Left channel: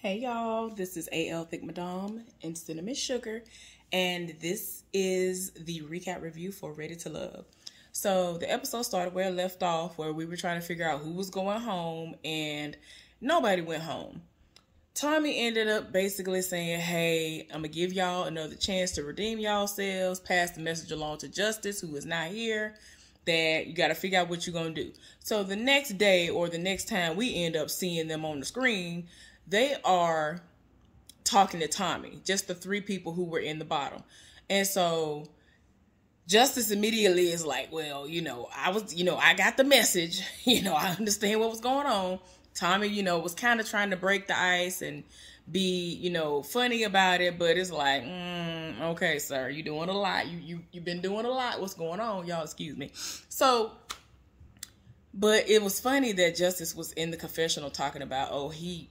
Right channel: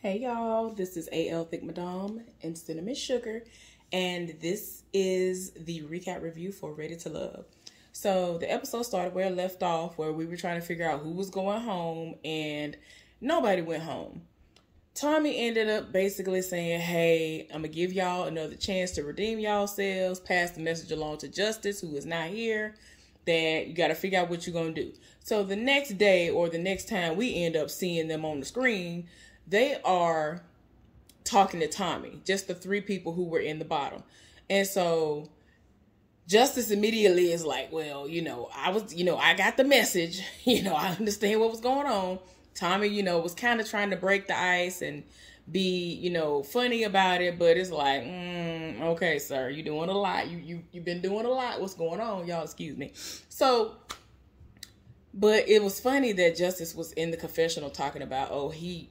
Hey y'all, this is AL Thick Madame and Cinnamon Sugar, and this is the recap review for Ready to Love. So the episode started where it left off, where we were trying to figure out who was going home, and nobody went home. Tommy ended up basically saying, hey, I'm gonna give y'all another chance to redeem yourselves, pass the message along to Justice, who is not here, that you gotta figure out what you're gonna do. So the next day, or the next time we end up seeing them on the screen, they are talking to Tommy, just the three people who were in the bottom. And so Justice immediately is like, well, I got the message, I understand what was going on. Tommy, was kind of trying to break the ice and be, funny about it, but it's like, okay, sir, you're doing a lot. You've been doing a lot. What's going on? Y'all, excuse me. So, but it was funny that Justice was in the confessional talking about, he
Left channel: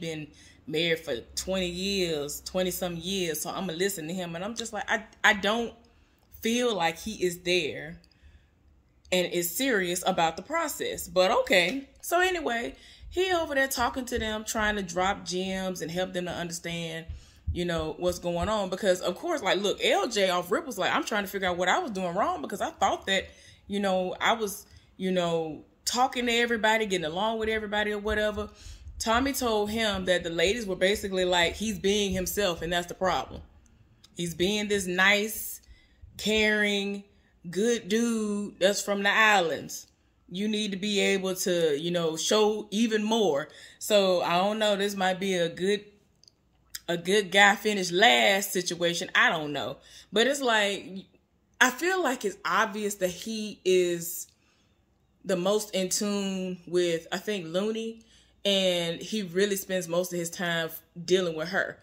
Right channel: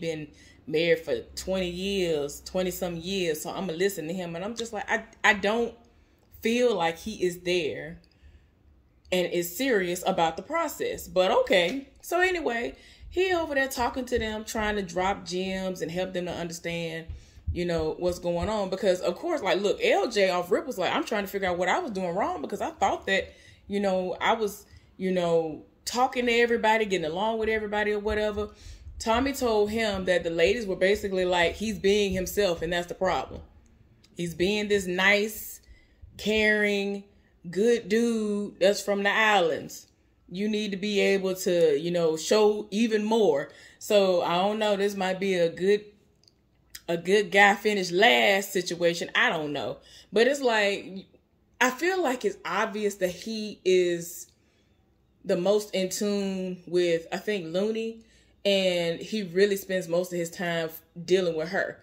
been married for 20 some years. So I'm gonna listen to him. And I'm just like, I don't feel like he is there and is serious about the process, but okay. So anyway, he over there talking to them, trying to drop gems and help them to understand, what's going on. Because of course, like, look, LJ off rip was like, I'm trying to figure out what I was doing wrong, because I thought that, I was, talking to everybody, getting along with everybody or whatever. Tommy told him that the ladies were basically like, he's being himself, and that's the problem. He's being this nice, caring, good dude that's from the islands. You need to be able to, show even more. So I don't know, this might be a good guy finished last situation. I don't know. But it's like, I feel like it's obvious that he is the most in tune with, I think, Looney, and he really spends most of his time dealing with her.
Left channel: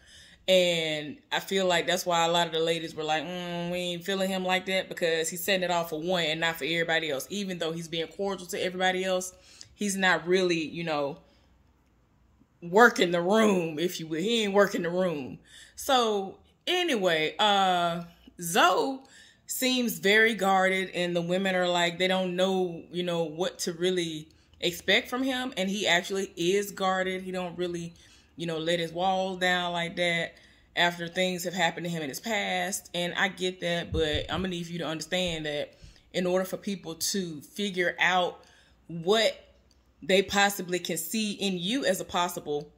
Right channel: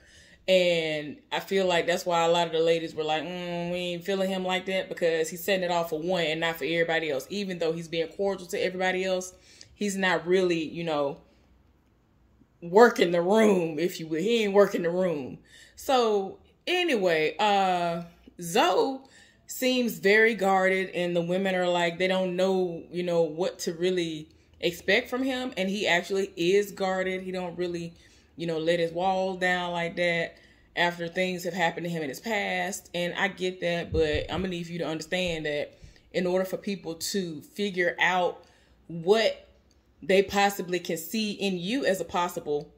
And I feel like that's why a lot of the ladies were like, we ain't feeling him like that, because he's setting it off for one and not for everybody else. Even though he's being cordial to everybody else, he's not really, working the room, if you will. He ain't working the room. So anyway, Zoe seems very guarded, and the women are like, they don't know, what to really expect from him. And he actually is guarded. He don't really, let his walls down like that after things have happened to him in his past. And I get that, but I'm gonna need you to understand that in order for people to figure out what they possibly can see in you as a possible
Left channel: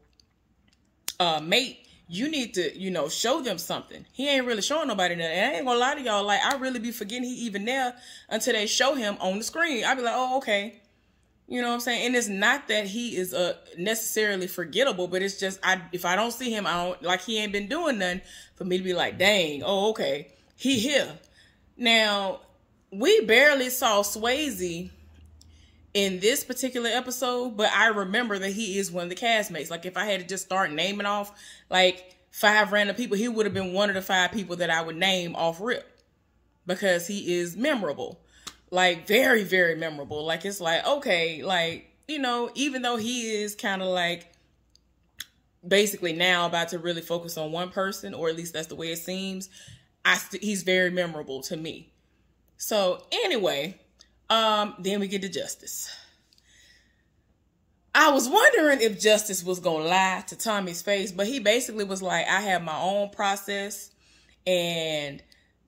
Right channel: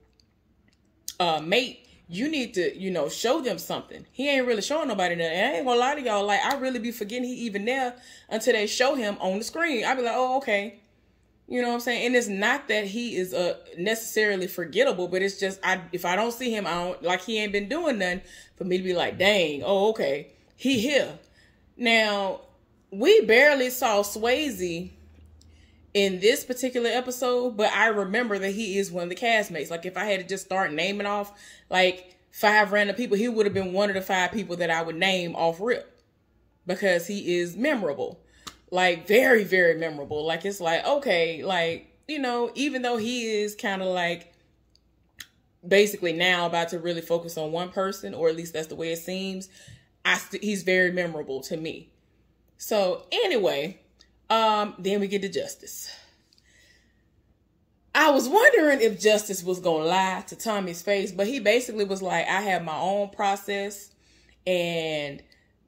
mate, you need to, show them something. He ain't really showing nobody nothing. And I ain't gonna lie to y'all, like, I really be forgetting he even there until they show him on the screen. I be like, oh, okay. You know what I'm saying? And it's not that he is necessarily forgettable, but it's just, if I don't see him, I don't, like, he ain't been doing nothing for me to be like, dang, oh, okay, he here. Now, we barely saw Swayze in this particular episode, but I remember that he is one of the castmates. Like, if I had to just start naming off like 5 random people, he would have been one of the 5 people that I would name off rip, because he is memorable. Like, very, very memorable. Like, it's like, okay, like, even though he is kind of like basically now about to really focus on one person, or at least that's the way it seems, he's very memorable to me. So anyway, then we get to Justice. I was wondering if Justice was going to lie to Tommy's face, but he basically was like, I have my own process, and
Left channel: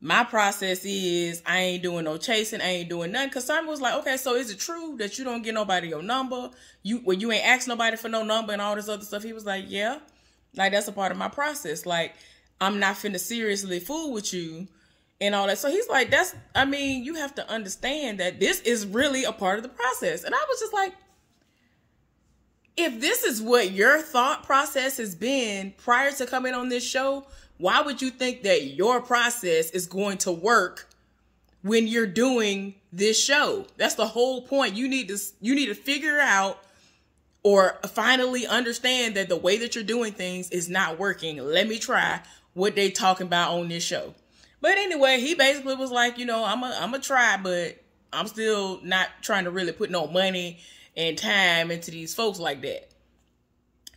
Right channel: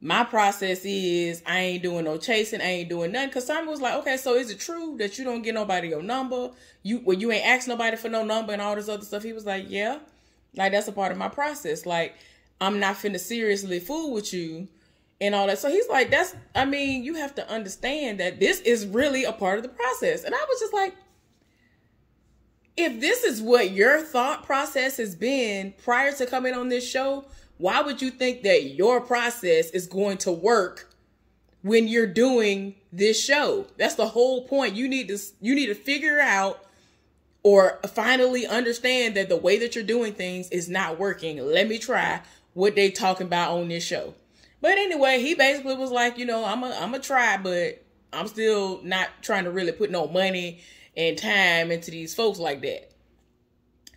my process is I ain't doing no chasing. I ain't doing nothing. Because Tommy was like, okay, so is it true that you don't get nobody your number? You ain't ask nobody for no number and all this other stuff? He was like, yeah, like, that's a part of my process. Like, I'm not finna seriously fool with you and all that. So he's like, you have to understand that this is really a part of the process. And I was just like, if this is what your thought process has been prior to coming on this show, why would you think that your process is going to work when you're doing this show? That's the whole point. You need to figure out, or finally understand, that the way that you're doing things is not working. Let me try what they talking about on this show. But anyway, he basically was like, I'm a try, but I'm still not trying to really put no money and time into these folks like that.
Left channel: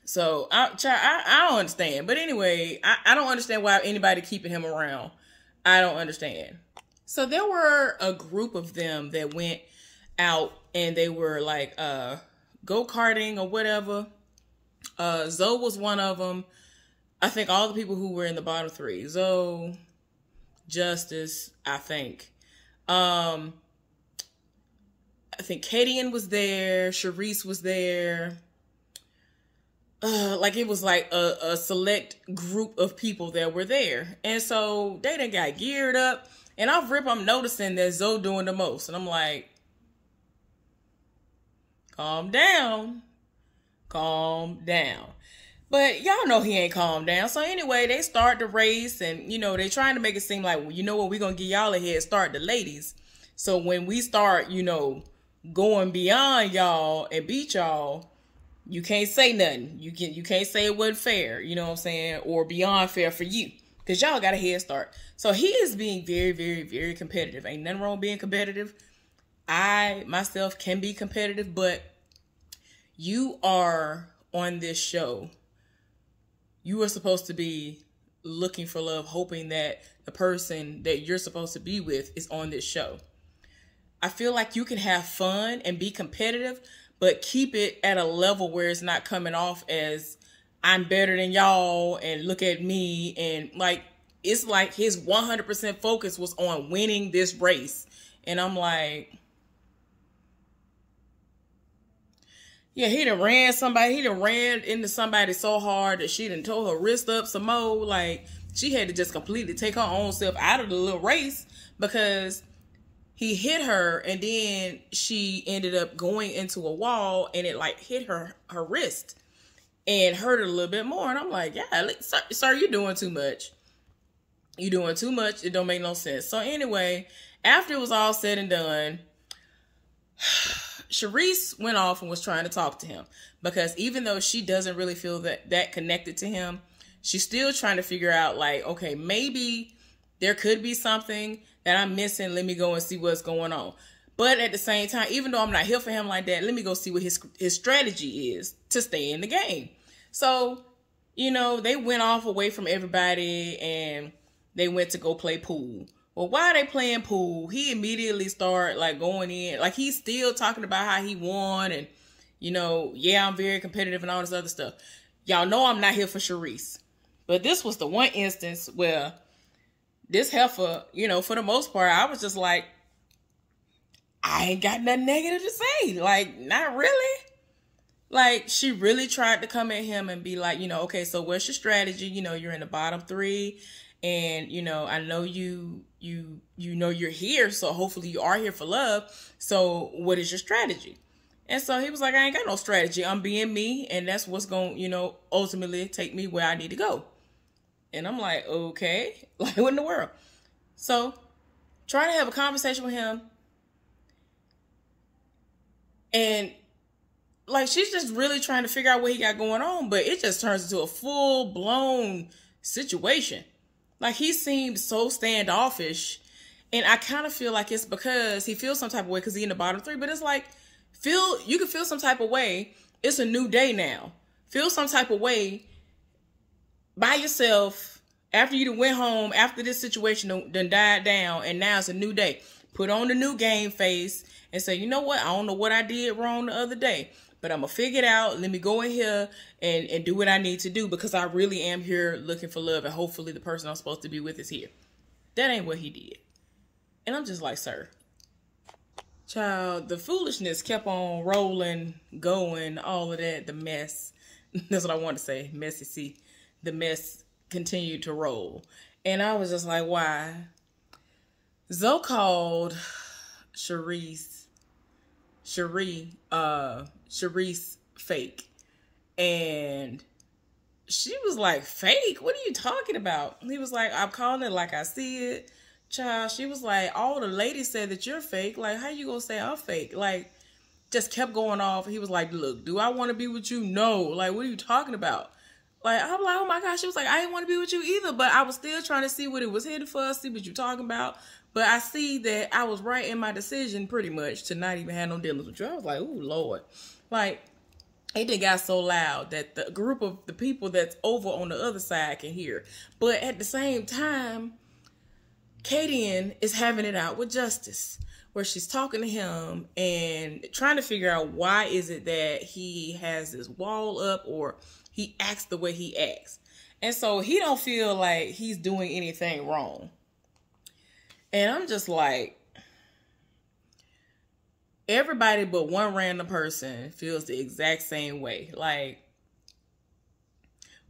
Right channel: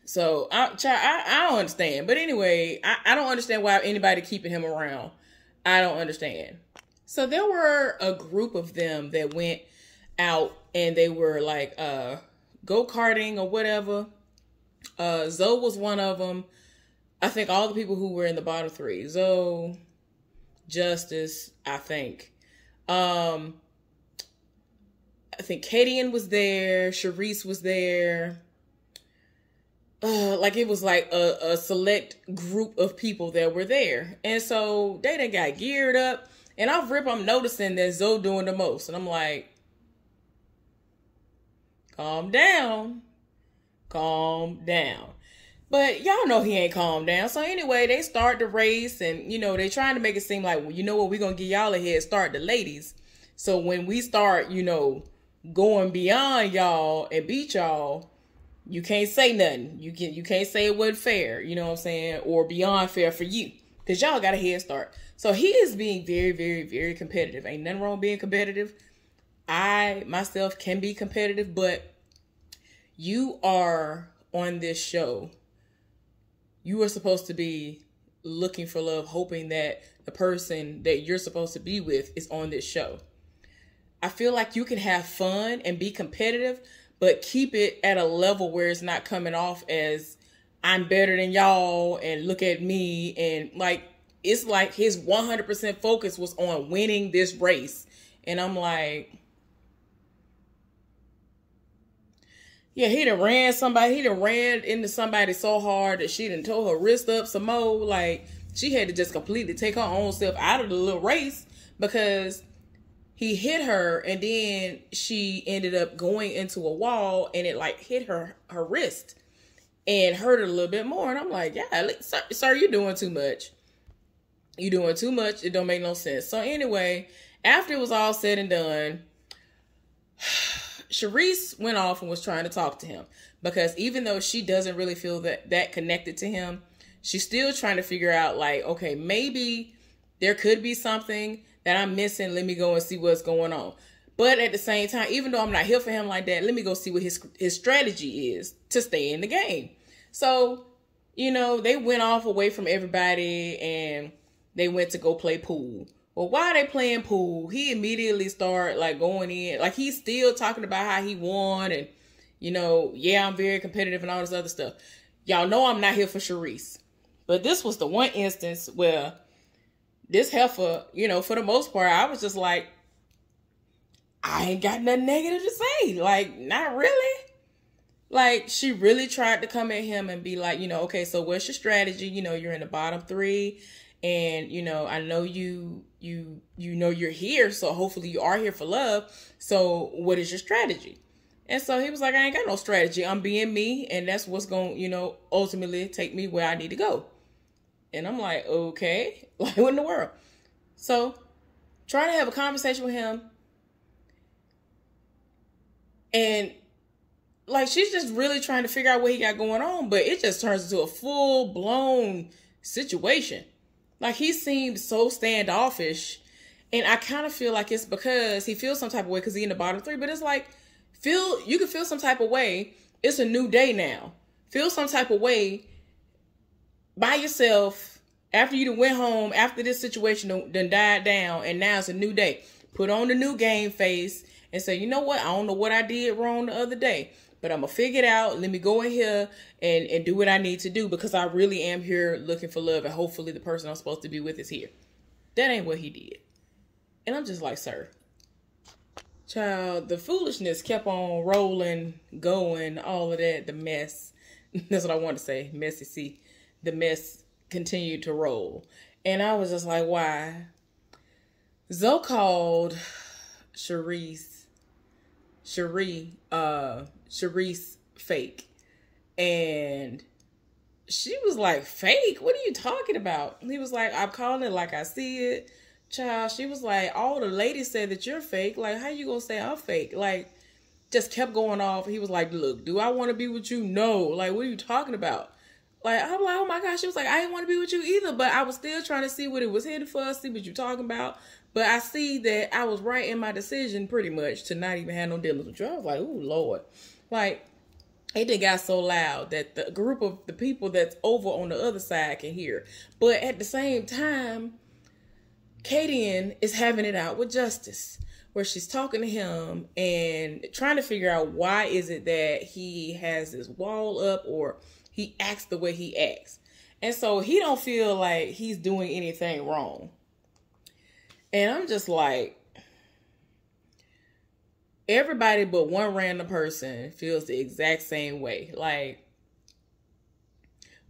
So I don't understand. But anyway, I don't understand why anybody keeping him around. I don't understand. So there were a group of them that went out, and they were like go-karting or whatever. Zoe was one of them. I think all the people who were in the bottom three, Zoe, Justice, I think Kadian was there, Charisse was there. Like it was like a select group of people that were there. And so they done got geared up. And I'm noticing that Zoe doing the most. And I'm like, calm down. Calm down. But y'all know he ain't calmed down. So anyway, they start the race. And, you know, they trying to make it seem like, well, you know what, we're going to give y'all a head start, the ladies. So when we start, you know, going beyond y'all and beat y'all, you can't say nothing. You can't say it wasn't fair, you know what I'm saying? Or beyond fair for you. Because y'all got a head start. So he is being very, very, very competitive. Ain't nothing wrong with being competitive. I, myself, can be competitive. But you are on this show. You are supposed to be looking for love, hoping that the person that you're supposed to be with is on this show. I feel like you can have fun and be competitive, but keep it at a level where it's not coming off as I'm better than y'all and look at me. And like, it's like his 100% focus was on winning this race. And I'm like, yeah, he done ran into somebody so hard that she done tore her wrist up some more. Like, she had to just completely take her own self out of the little race because he hit her, and then she ended up going into a wall, and it like hit her wrist and hurt her a little bit more. And I'm like, yeah, sir, you're doing too much. You're doing too much. It don't make no sense. So anyway, after it was all said and done, Charisse went off and was trying to talk to him because even though she doesn't really feel that connected to him, she's still trying to figure out like, okay, maybe there could be something that I'm missing. Let me go and see what's going on. But at the same time, even though I'm not here for him like that, let me go see what his strategy is to stay in the game. So, you know, they went off away from everybody and they went to go play pool. Well, while they playing pool, he immediately started like going in. Like he's still talking about how he won and, you know, yeah, I'm very competitive and all this other stuff. Y'all know I'm not here for Charisse. But this was the one instance where this heifer, you know, for the most part, I was just like, I ain't got nothing negative to say. Like, not really. Like, she really tried to come at him and be like, you know, okay, so what's your strategy? You know, you're in the bottom three. And, you know, I know you know you're here. So hopefully you are here for love. So what is your strategy? And so he was like, I ain't got no strategy. I'm being me. And that's what's going to, you know, ultimately take me where I need to go. And I'm like, okay, like what in the world? So trying to have a conversation with him. And like, she's just really trying to figure out what he got going on. But it just turns into a full blown situation. Like he seemed so standoffish. And I kind of feel like it's because he feels some type of way because he's in the bottom three. But it's like, you can feel some type of way. It's a new day now. Feel some type of way by yourself after you went home, after this situation done died down, and now it's a new day. Put on the new game face and say, you know what? I don't know what I did wrong the other day, but I'm going to figure it out. Let me go in here and do what I need to do because I really am here looking for love, and hopefully the person I'm supposed to be with is here. That ain't what he did. And I'm just like, sir. Child, the foolishness kept on rolling, going, all of that, the mess. That's what I want to say, messy. See, the mess continued to roll. And I was just like, why? Zoe called Charisse fake. And she was like, fake? What are you talking about? And he was like, I'm calling it like I see it. Child, she was like, all the ladies said that you're fake. Like, how you gonna say I'm fake? Like, just kept going off. He was like, look, do I want to be with you? No. Like, what are you talking about? Like, I'm like, oh my gosh. She was like, I didn't want to be with you either, but I was still trying to see what it was headed for, see what you're talking about. But I see that I was right in my decision pretty much to not even have no dealings with you. I was like, ooh, Lord. Like, it done got so loud that the group of the people that's over on the other side can hear. But at the same time, Kadian is having it out with Justice, where she's talking to him and trying to figure out why is it that he has this wall up, or he acts the way he acts. And so he don't feel like he's doing anything wrong. And I'm just like, everybody but one random person feels the exact same way. Like,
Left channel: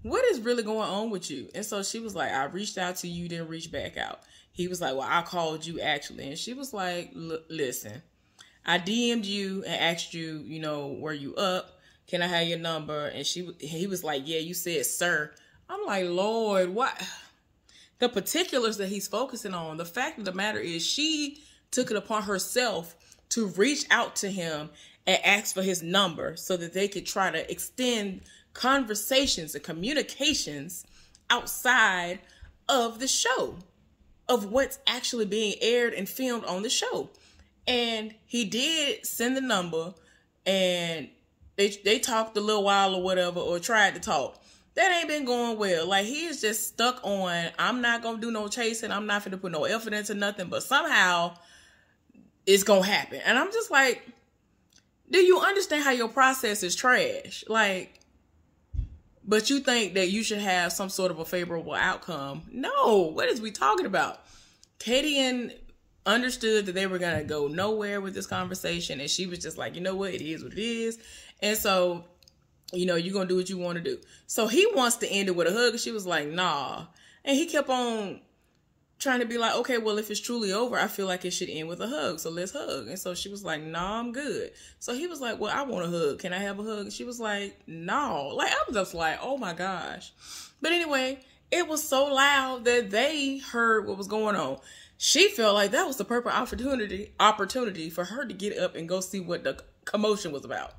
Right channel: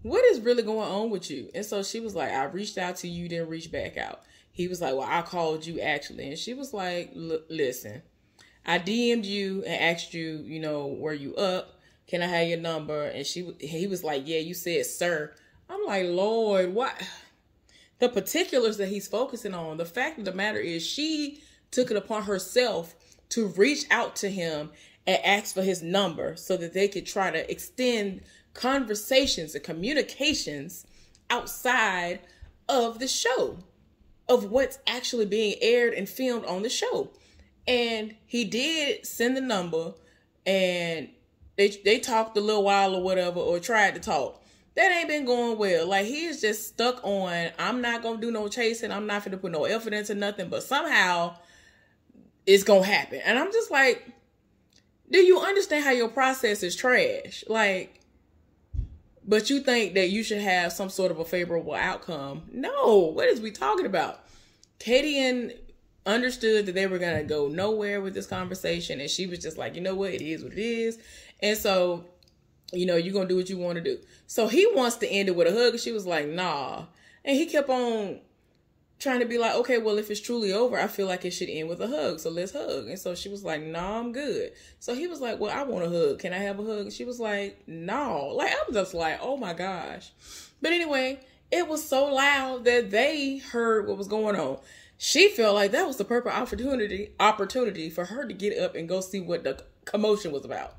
what is really going on with you? And so she was like, I reached out to you, didn't reach back out. He was like, well, I called you actually. And she was like, listen, I DM'd you and asked you, you know, were you up? Can I have your number? And he was like, yeah, you said, sir. I'm like, Lord, what? The particulars that he's focusing on. The fact of the matter is she took it upon herself to reach out to him and ask for his number so that they could try to extend conversations and communications outside of the show, of what's actually being aired and filmed on the show. And he did send the number, and they talked a little while or whatever, or tried to talk. That ain't been going well. Like, he is just stuck on, I'm not going to do no chasing. I'm not going to put no effort into nothing, but somehow it's going to happen. And I'm just like, do you understand how your process is trash? Like, but you think that you should have some sort of a favorable outcome. No, what is we talking about? Katie understood that they were going to go nowhere with this conversation. And she was just like, you know what? It is what it is. And so, you know, you're going to do what you want to do. So he wants to end it with a hug. And she was like, nah. And he kept on trying to be like, okay, well, if it's truly over, I feel like it should end with a hug. So let's hug. And so she was like, nah, I'm good. So he was like, well, I want a hug. Can I have a hug? And she was like, no. Like, I'm just like, oh my gosh. But anyway, it was so loud that they heard what was going on. She felt like that was the perfect opportunity for her to get up and go see what the commotion was about.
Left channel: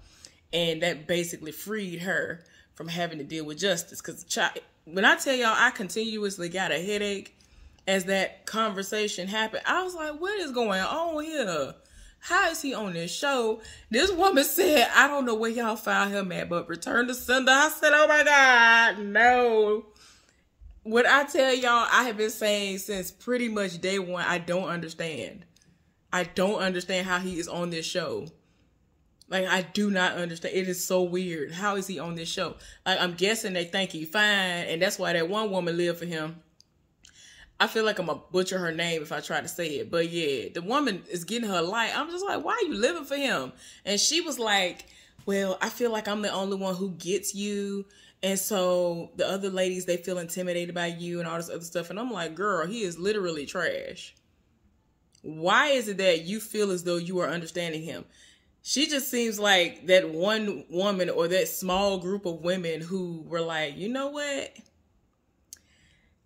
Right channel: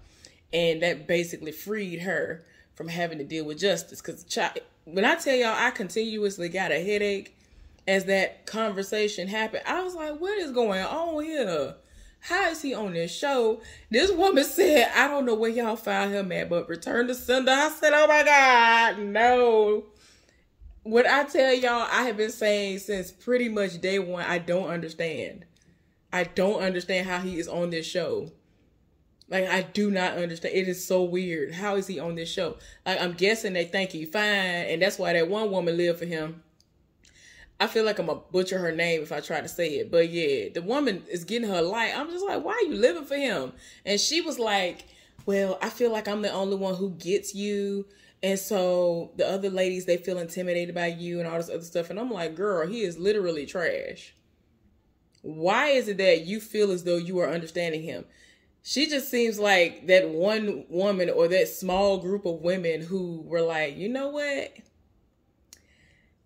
And that basically freed her from having to deal with Justice. Because when I tell y'all, I continuously got a headache as that conversation happened. I was like, what is going on here? How is he on this show? This woman said, I don't know where y'all found him at, but return to sender. I said, oh my God, no. What I tell y'all, I have been saying since pretty much day one, I don't understand. I don't understand how he is on this show. Like, I do not understand. It is so weird. How is he on this show? Like, I'm guessing they think he's fine, and that's why that one woman lived for him. I feel like I'm going to butcher her name if I try to say it. But yeah, the woman is getting her light. I'm just like, why are you living for him? And she was like, well, I feel like I'm the only one who gets you. And so the other ladies, they feel intimidated by you and all this other stuff. And I'm like, girl, he is literally trash. Why is it that you feel as though you are understanding him? She just seems like that one woman or that small group of women who were like, you know what?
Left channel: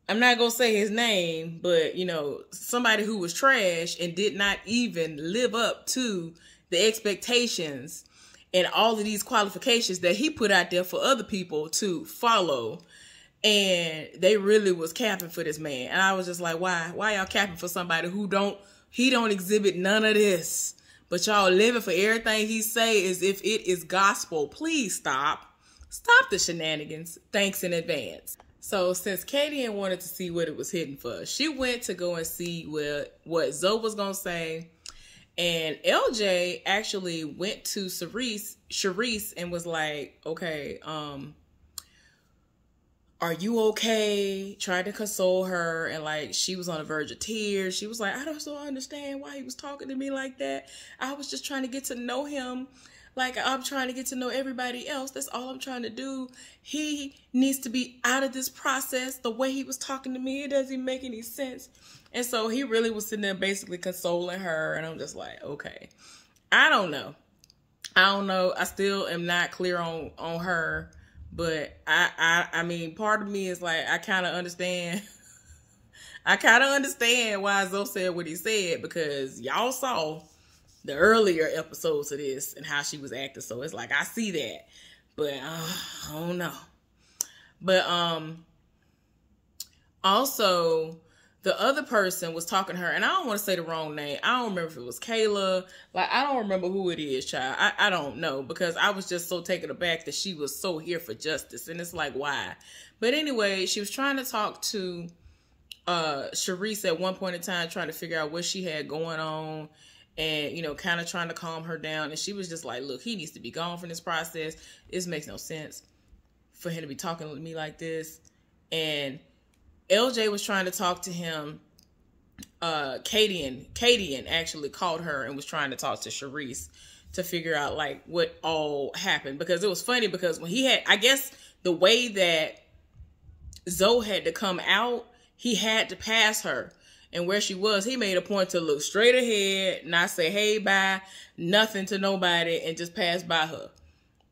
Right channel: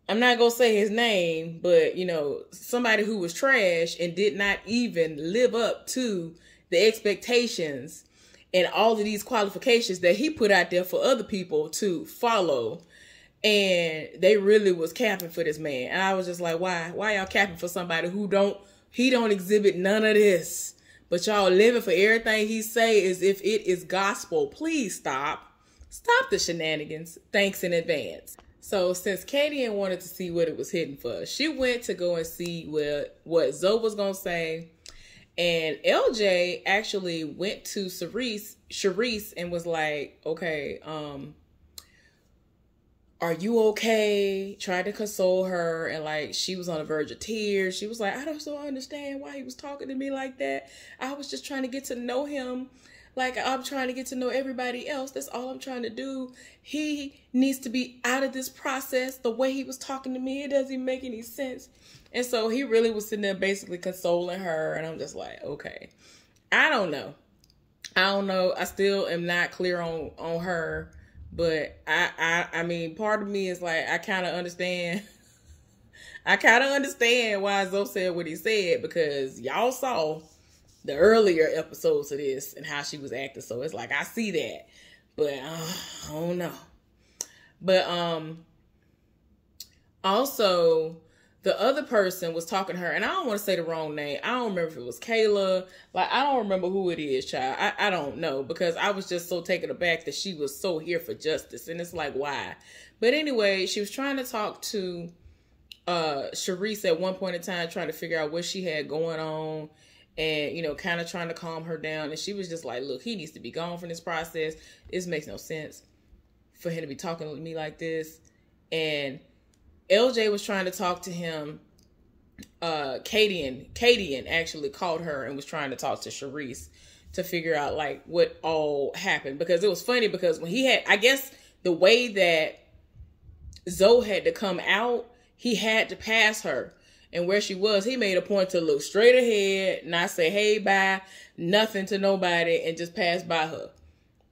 I'm not going to say his name, but, you know, somebody who was trash and did not even live up to the expectations and all of these qualifications that he put out there for other people to follow. And they really was capping for this man. And I was just like, why y'all capping for somebody who he don't exhibit none of this? But y'all living for everything he say as if it is gospel. Please stop. Stop the shenanigans. Thanks in advance. So since Katie wanted to see what it was hitting for, she went to go and see what Zoe was going to say. And LJ actually went to Sharice and was like, okay, are you okay? Tried to console her, and like she was on the verge of tears. She was like, I don't so understand why he was talking to me like that. I was just trying to get to know him like I'm trying to get to know everybody else. That's all I'm trying to do. He needs to be out of this process. The way he was talking to me, it doesn't make any sense. And so he really was sitting there basically consoling her, and I'm just like, okay. I don't know. I still am not clear on her. But I mean, part of me is like, I kind of understand. I kind of understand why Zoe said what he said, because y'all saw the earlier episodes of this and how she was acting. So it's like, I see that, but I don't know. But also the other person was talking to her, and I don't want to say the wrong name. I don't remember if it was Kayla. Like, I don't remember who it is, child. I don't know, because I was just so taken aback that she was so here for justice. And it's like, why? But anyway, she was trying to talk to Sharice at one point in time, trying to figure out what she had going on and, you know, kind of trying to calm her down. And she was just like, look, he needs to be gone from this process. This makes no sense. for him to be talking to me like this. And LJ was trying to talk to him. Kadian actually called her and was trying to talk to Charisse to figure out like what all happened, because it was funny because when he had, I guess the way that Zoe had to come out, he had to pass her. And where she was, he made a point to look straight ahead, not say, hey, bye, nothing to nobody, and just pass by her.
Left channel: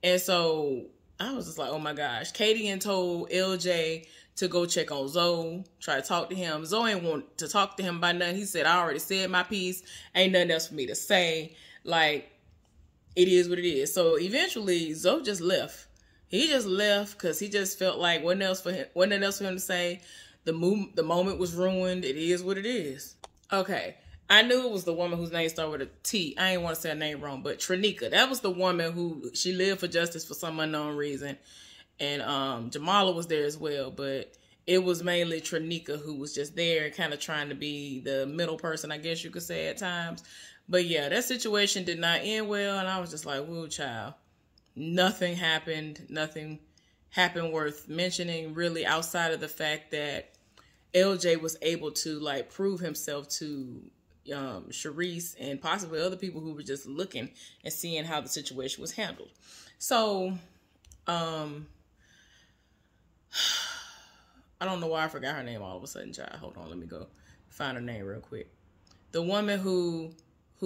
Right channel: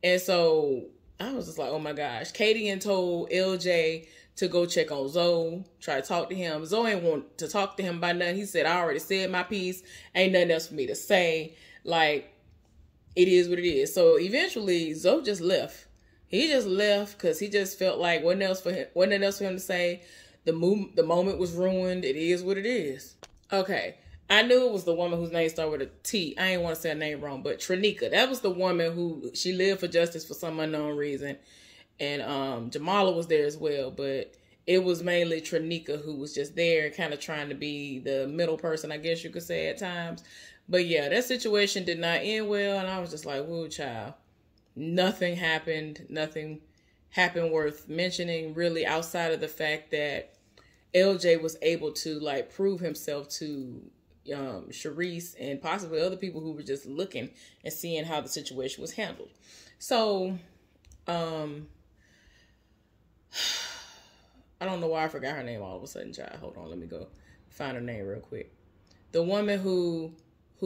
And so I was just like, oh my gosh. Kadian told LJ to go check on Zoe, try to talk to him. Zoe ain't want to talk to him about nothing. He said, I already said my piece. Ain't nothing else for me to say. Like, it is what it is. So eventually, Zoe just left. He just left because he just felt like wasn't else for him to say. The moment was ruined. It is what it is. Okay. I knew it was the woman whose name started with a T. I ain't want to say her name wrong, but Trinika. That was the woman who, she lived for justice for some unknown reason. And Jamala was there as well, but it was mainly Trinika who was just there, kind of trying to be the middle person, I guess you could say at times. But yeah, that situation did not end well, and I was just like, whoa, child. Nothing happened. Nothing happened worth mentioning, really, outside of the fact that LJ was able to like prove himself to Charisse and possibly other people who were just looking and seeing how the situation was handled. So, I don't know why I forgot her name all of a sudden, child. Hold on, let me go find her name real quick. The woman who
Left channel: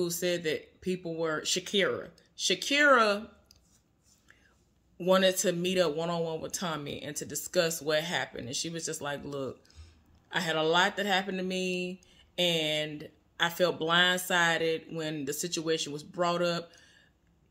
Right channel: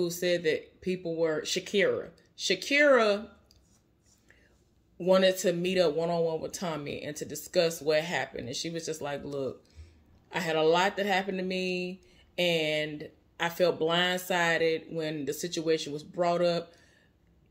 said that people were Shakira. Shakira wanted to meet up one-on-one with Tommy and to discuss what happened. And she was just like, look, I had a lot that happened to me, and I felt blindsided when the situation was brought up,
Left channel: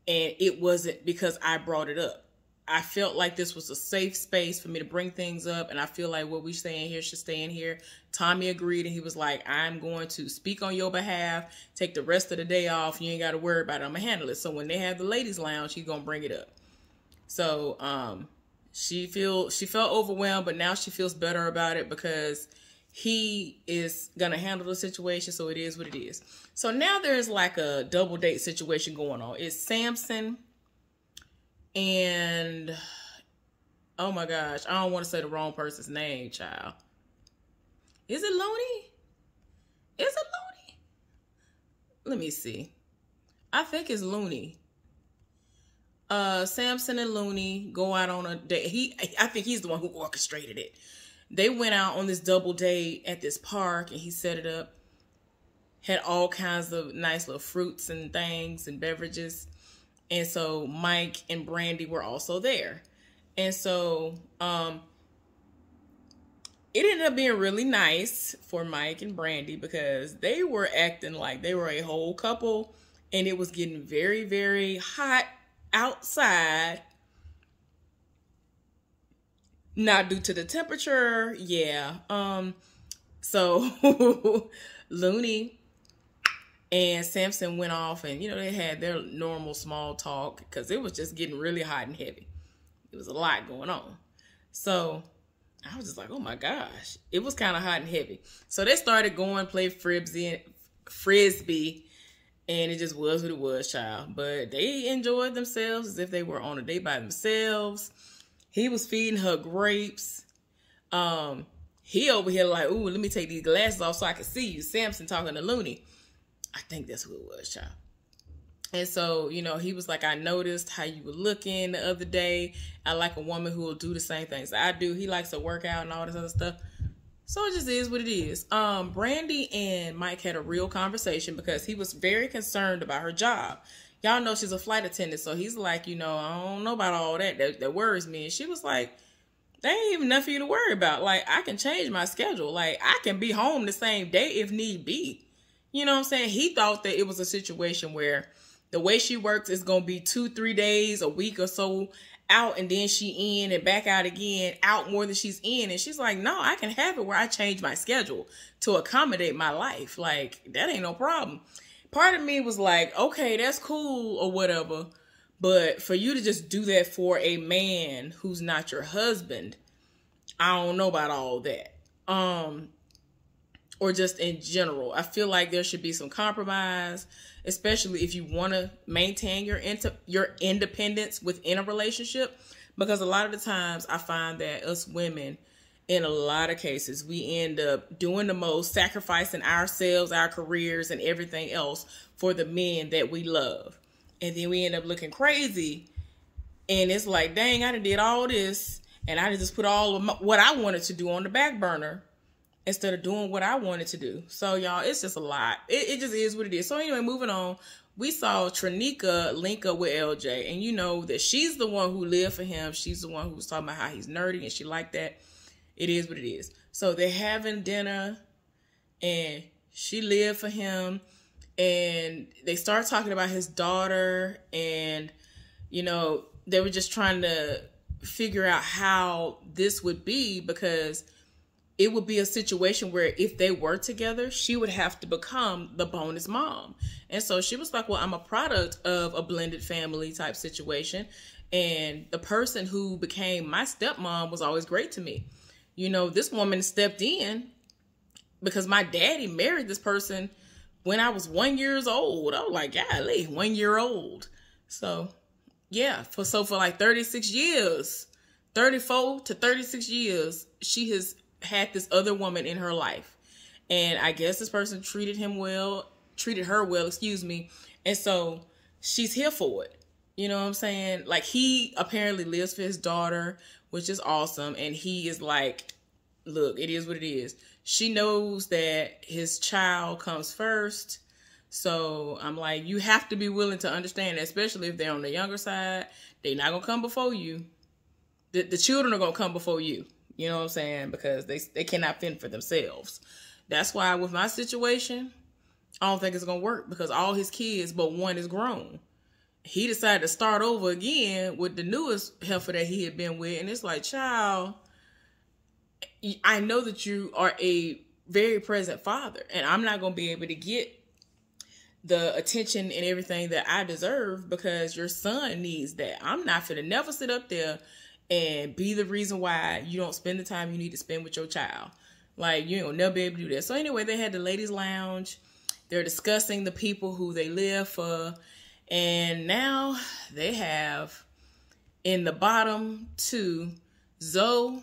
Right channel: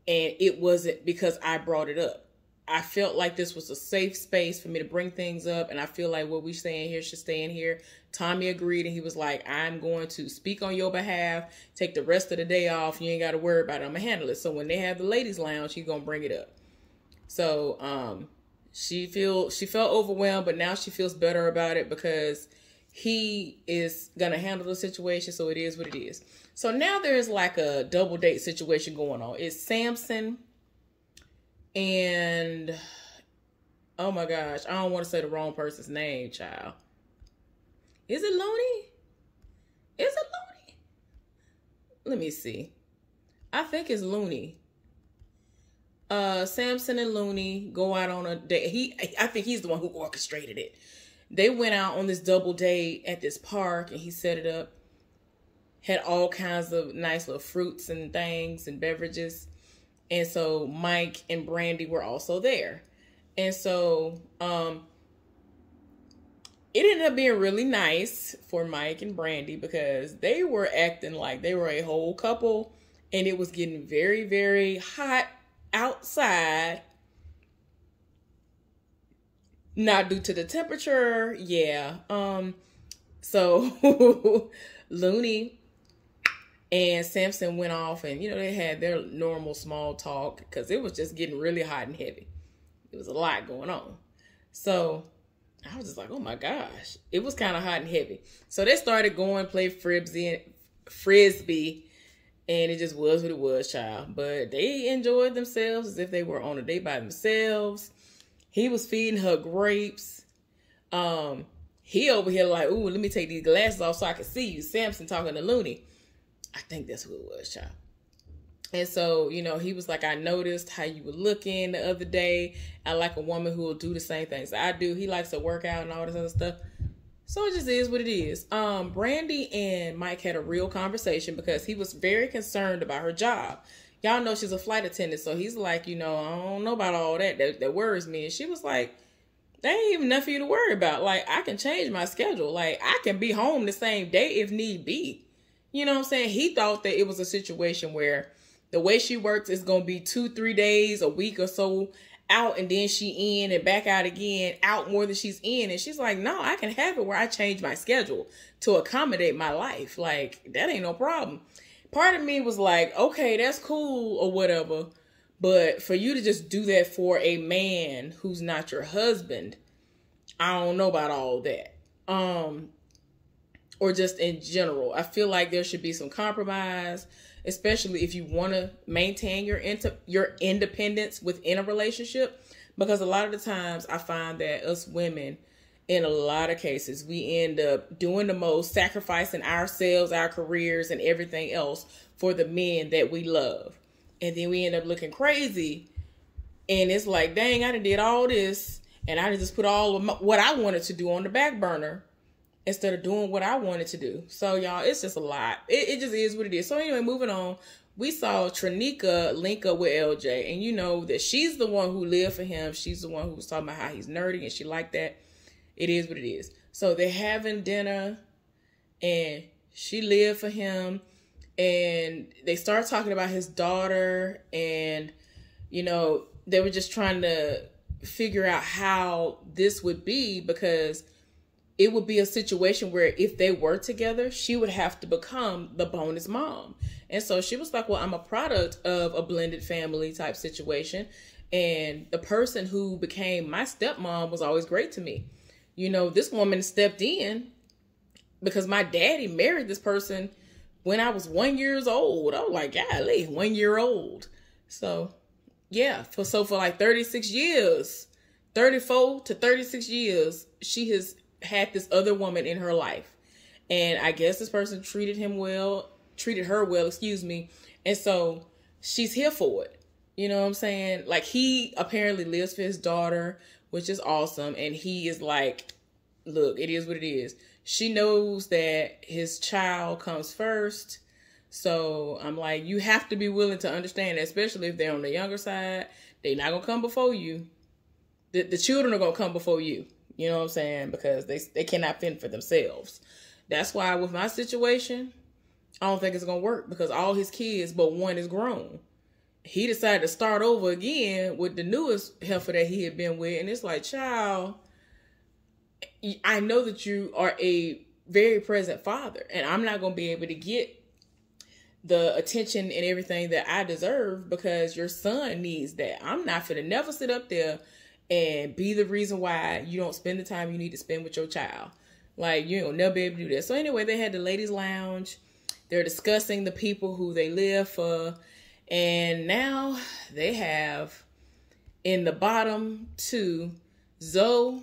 and it wasn't because I brought it up. I felt like this was a safe space for me to bring things up, and I feel like what we stay in here should stay in here. Tommy agreed, and he was like, I'm going to speak on your behalf, take the rest of the day off. You ain't got to worry about it. I'm going to handle it. So when they have the ladies' lounge, he's going to bring it up. So she felt overwhelmed, but now she feels better about it because he is going to handle the situation. So it is what it is. So now there's like a double date situation going on. It's Samson and, oh my gosh, I don't want to say the wrong person's name, child. Is it Looney? Is it Looney? Let me see. I think it's Looney. Samson and Looney go out on a date. I think he's the one who orchestrated it. They went out on this double date at this park, and he set it up. Had all kinds of nice little fruits and things and beverages. And so Mike and Brandy were also there. And so it ended up being really nice for Mike and Brandy because they were acting like they were a whole couple, and it was getting very, very hot outside. Not due to the temperature. Yeah. So Looney and Samson went off, and, you know, they had their normal small talk because it was just getting really hot and heavy. It was a lot going on. So I was just like, oh my gosh. It was kind of hot and heavy. So they started going play frisbee, and it just was what it was, child. But they enjoyed themselves as if they were on a date by themselves. He was feeding her grapes. He over here like, ooh, let me take these glasses off so I can see you. Samson talking to Looney. I think that's who it was, child. And so, you know, he was like, I noticed how you were looking the other day. I like a woman who will do the same things I do. He likes to work out and all this other stuff. So it just is what it is. Brandy and Mike had a real conversation because he was very concerned about her job. Y'all know she's a flight attendant. So he's like, you know, I don't know about all that worries me. And she was like, there ain't even nothing for you to worry about. Like, I can change my schedule. Like, I can be home the same day if need be. You know what I'm saying? He thought that it was a situation where the way she works is going to be 2-3 days, a week or so out, and then she in and back out again, out more than she's in. And she's like, no, I can have it where I change my schedule to accommodate my life. Like, that ain't no problem. Part of me was like, okay, that's cool or whatever. But for you to just do that for a man who's not your husband, I don't know about all that. Or just in general, I feel like there should be some compromise, especially if you want to maintain your independence within a relationship. Because a lot of the times I find that us women, in a lot of cases, we end up doing the most, sacrificing ourselves, our careers, and everything else for the men that we love. And then we end up looking crazy. And it's like, dang, I done did all this. And I just put all of what I wanted to do on the back burner instead of doing what I wanted to do. So, y'all, it's just a lot. It just is what it is. So, anyway, moving on. We saw Trinika link up with LJ. And you know that she's the one who lived for him. She's the one who was talking about how he's nerdy and she liked that. It is what it is. So they're having dinner and she lived for him. And they start talking about his daughter. And, you know, they were just trying to figure out how this would be, because it would be a situation where if they were together, she would have to become the bonus mom. And so she was like, well, I'm a product of a blended family type situation. And the person who became my stepmom was always great to me. You know, this woman stepped in because my daddy married this person when I was 1 year old. I was like, golly, 1 year old. So, yeah, for like 36 years, 34 to 36 years, she has had this other woman in her life. And I guess this person treated her well, and so she's here for it. You know what I'm saying? Like, he apparently lives for his daughter, which is awesome. And he is like, look, it is what it is. She knows that his child comes first. So I'm like, you have to be willing to understand, especially if they're on the younger side. They're not going to come before you. The children are going to come before you. You know what I'm saying? Because they cannot fend for themselves. That's why with my situation, I don't think it's going to work, because all his kids but one is grown. He decided to start over again with the newest heifer that he had been with. And it's like, child, I know that you are a very present father, and I'm not going to be able to get the attention and everything that I deserve because your son needs that. I'm not finna never sit up there and be the reason why you don't spend the time you need to spend with your child. Like, you ain't never be able to do that. So anyway, they had the ladies' lounge. They're discussing the people who they live for. And now they have in the bottom two, Zoe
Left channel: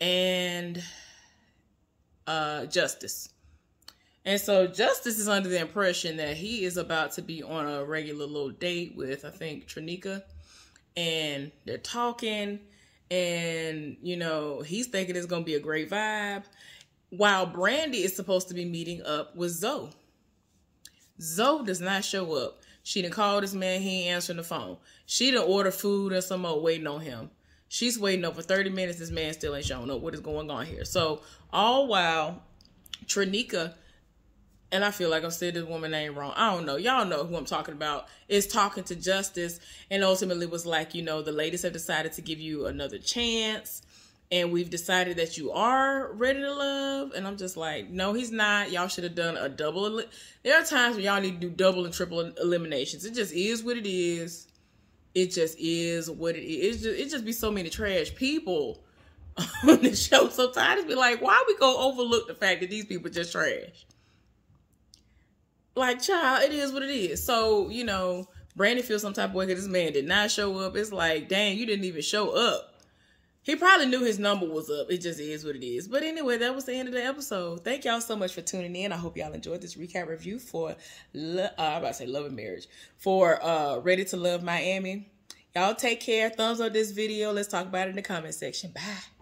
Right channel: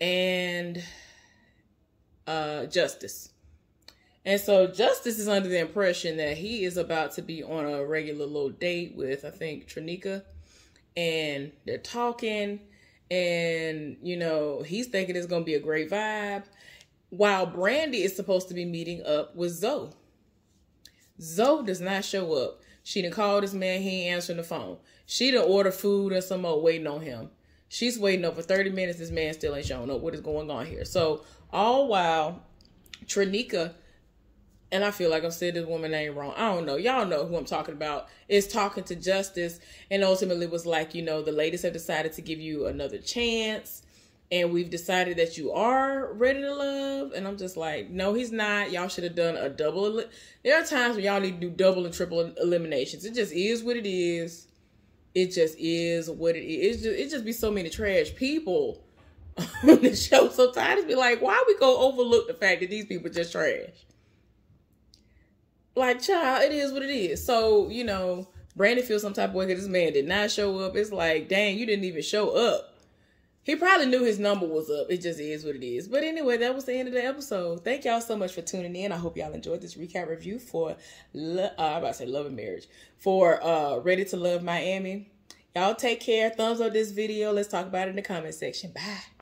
and Justice. And so Justice is under the impression that he is about to be on a regular little date with, I think, Trinika. And they're talking, and, you know, he's thinking it's going to be a great vibe, while Brandy is supposed to be meeting up with Zoe. Zoe does not show up. She done called this man. He ain't answering the phone. She done order food or some more waiting on him. She's waiting up for 30 minutes. This man still ain't showing up. What is going on here? So all while Trinika, and I feel like I'm saying this woman name wrong, I don't know. Y'all know who I'm talking about, is talking to Justice, and ultimately was like, you know, the ladies have decided to give you another chance, and we've decided that you are ready to love. And I'm just like, no, he's not. Y'all should have done a double. There are times when y'all need to do double and triple eliminations. It just is what it is. It just is what it is. It just be so many trash people on the show sometimes. Be like, why we go overlook the fact that these people just trash? Like, child, it is what it is. So, you know, Brandon feels some type of way because this man did not show up. It's like, dang, you didn't even show up. He probably knew his number was up. It just is what it is. But anyway, that was the end of the episode. Thank y'all so much for tuning in. I hope y'all enjoyed this recap review for, I'm about to say Love and Marriage, for Ready to Love Miami. Y'all take care. Thumbs up this video. Let's talk about it in the comment section. Bye.